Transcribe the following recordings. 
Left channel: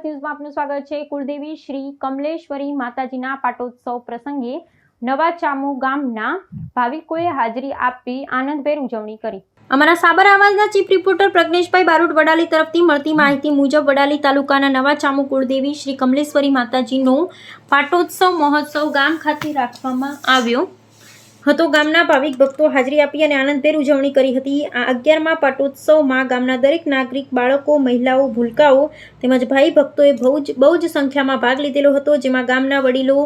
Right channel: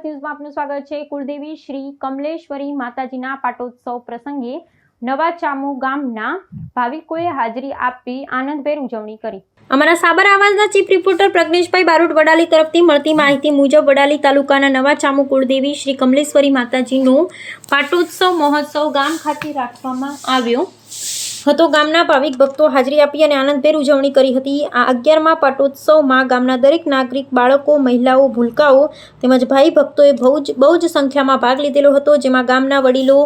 Plus ન્યૂઝમાં આપનું સ્વાગત છે। કુળદેવી શ્રી કમલેશ્વરી માતાજીના પાટોત્સવ પ્રસંગે નવા ચામુ ગામના ભાવિકોએ હાજરી આપી આનંદભેર ઉજવણી કરી। અમારા સાબર આવાજના ચીફ રિપોર્ટર પ્રજ્ઞેશભાઈ બારોટ વડાલી તરફથી મળતી માહિતી મુજબ વડાલી તાલુકાના નવા ચામુ કુળદેવી શ્રી કમલેશ્વરી માતાજીનો પાટોત્સવ મહોત્સવ ગામ ખાતે રાખવામાં આવ્યો હતો। ગામના ભાવિક ભક્તો હાજરી આપી અને આનંદભેર ઉજવણી કરી હતી। આ 11મા પાટોત્સવમાં ગામના દરેક નાગરિક, બાળકો, મહિલાઓ, ભૂલકાઓ તેમજ ભાઈ ભક્તોએ બહુ જ સંખ્યામાં ભાગ લીધેલો હતો, જેમાં ગામના વડીલો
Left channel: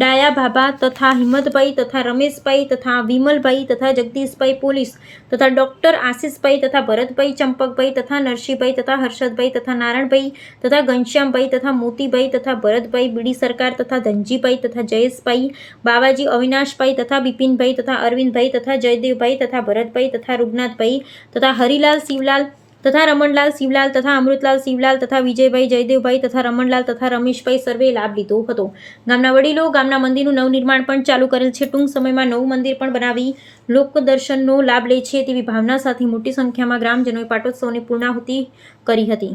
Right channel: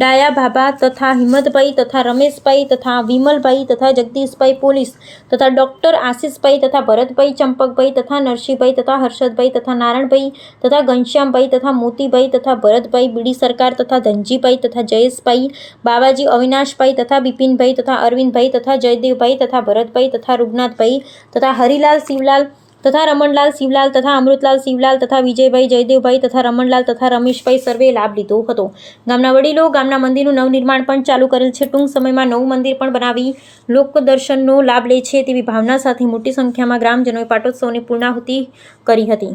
ડાયા ભાભા તથા હિંમતભાઈ તથા રમેશભાઈ તથા વિમલભાઈ તથા જગદીશભાઈ પોલીસ તથા ડૉક્ટર આશીષભાઈ તથા ભરતભાઈ, ચંપકભાઈ તથા નરસિંહભાઈ તથા હર્ષદભાઈ તથા નારાયણભાઈ તથા ઘનશ્યામભાઈ તથા મોતીભાઈ તથા ભરતભાઈ, બીડી સરકાર તથા ધનજીભાઈ તથા જયેશભાઈ, બાવાજી, અવિનાશભાઈ તથા બિપિનભાઈ તથા અરવિંદભાઈ તથા જયદેવભાઈ તથા ભરતભાઈ તથા રૂગનાથભાઈ તથા હરિલાલ શિવલાલ તથા રમણલાલ શિવલાલ તથા અમૃતલાલ શિવલાલ તથા વિજયભાઈ, જયદેવભાઈ તથા રમણલાલ તથા રમેશભાઈ સર્વે લાભ લીધો હતો। ગામના વડીલો ગામના મંદિરનું નવનિર્માણ પણ ચાલુ કરેલ છે। ટૂંક સમયમાં નવું મંદિર પણ બનાવી લોકદર્શનનો લાભ લે છે તેવી ભાવના સાથે મોટી સંખ્યામાં ગ્રામજનોએ પાટોત્સવની પૂર્ણાહુતિ કરી હતી।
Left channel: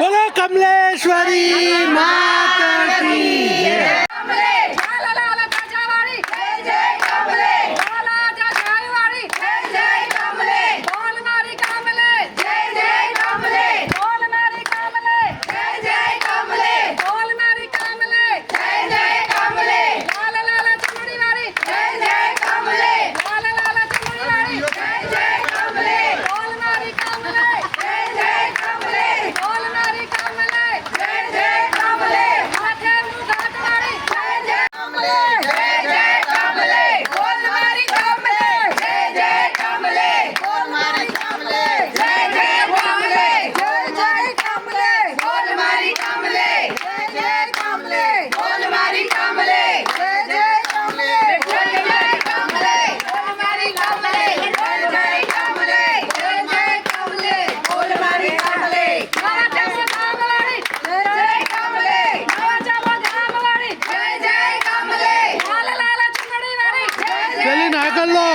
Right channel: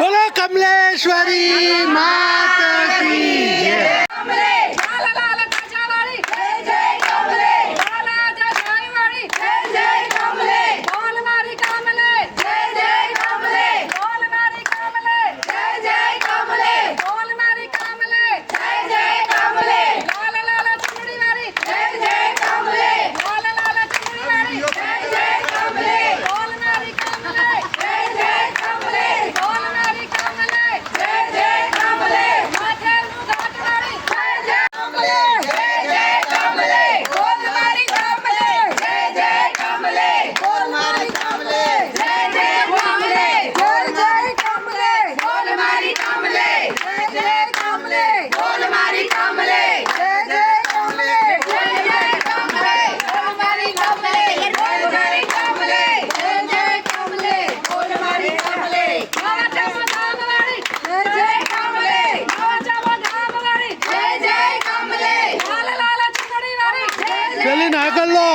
बोलो कमलेश्वरी माता की जय। चलिए ना कर लो।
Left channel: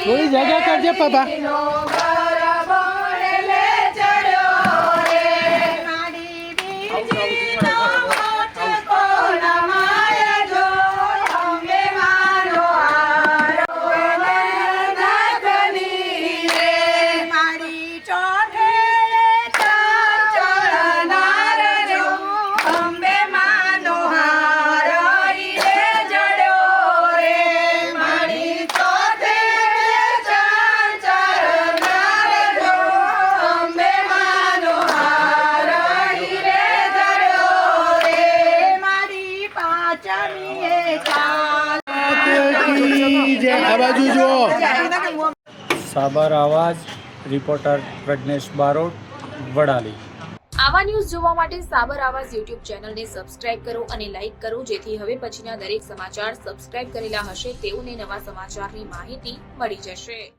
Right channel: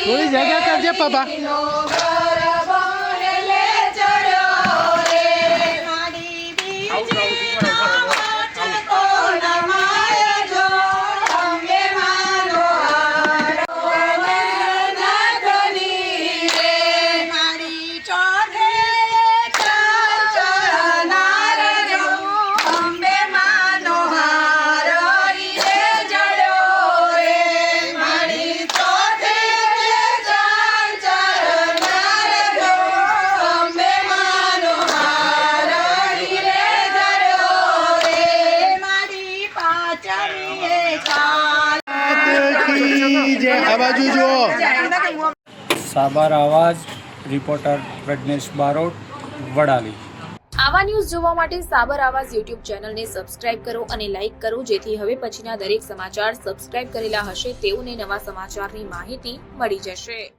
थोड़ी जगह कर दे पापा। સાબર આવાજ રિપોર્ટર પ્રજ્ઞેશ બારોટ વડાલી। આવા ન્યૂઝ જોવા માટે સાબર આવાજ યુટ્યુબ ચેનલને સબસ્ક્રાઇબ કરો અને લાઇક કરો, જેથી હવે પછીના દરેક સમાચાર સબસ્ક્રાઇબ કરેલા હશે તેઓને નવા સમાચારની માહિતી મળી જશે।